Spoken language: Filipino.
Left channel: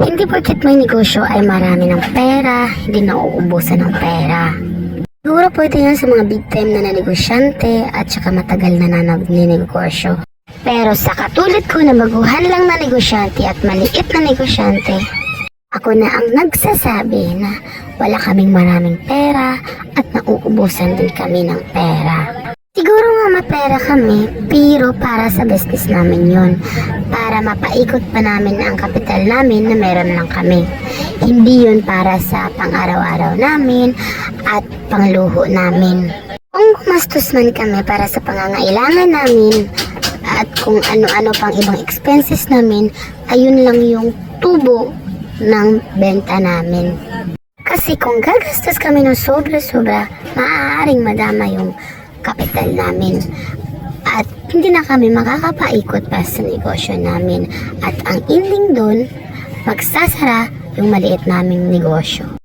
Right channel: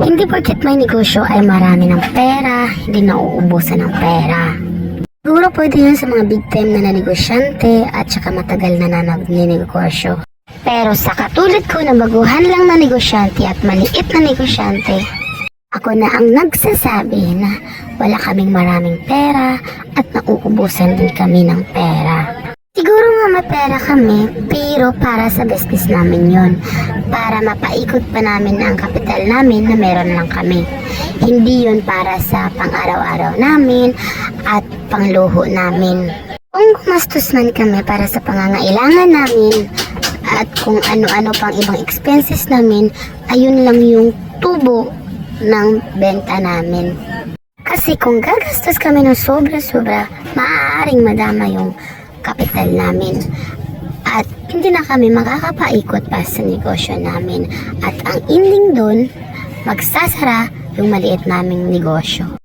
Hindi porket may negosyo ay marami ng pera, hindi nauubusan ng pera. Siguro pwede yun sa mga big time na negosyante at saka matagal na nagnenegosyo. Pero sa katulad ko na baguhan lang na negosyante at maliit na negosyante, ako na ang nagsasabi na wala kaming maraming pera at nauubusan din kami ng pera. Siguro nga mapera kami, pero para sa business namin yon, para mapaikot pa namin ang kapital namin na meron lang kami. Hindi yun para sa pang-araw-araw namin at pangluho namin. Kung gumastos man kami para sa pangangailangan namin at kung ano-ano pang ibang expenses namin, ayun lang yung tubo ng benta namin. Kasi kung gagastos kami ng sobra-sobra, maaaring madama yung kapital namin at hindi na kami makakapaikot pa sa negosyo namin at ang ending doon, magsasara yung maliit naming negosyo.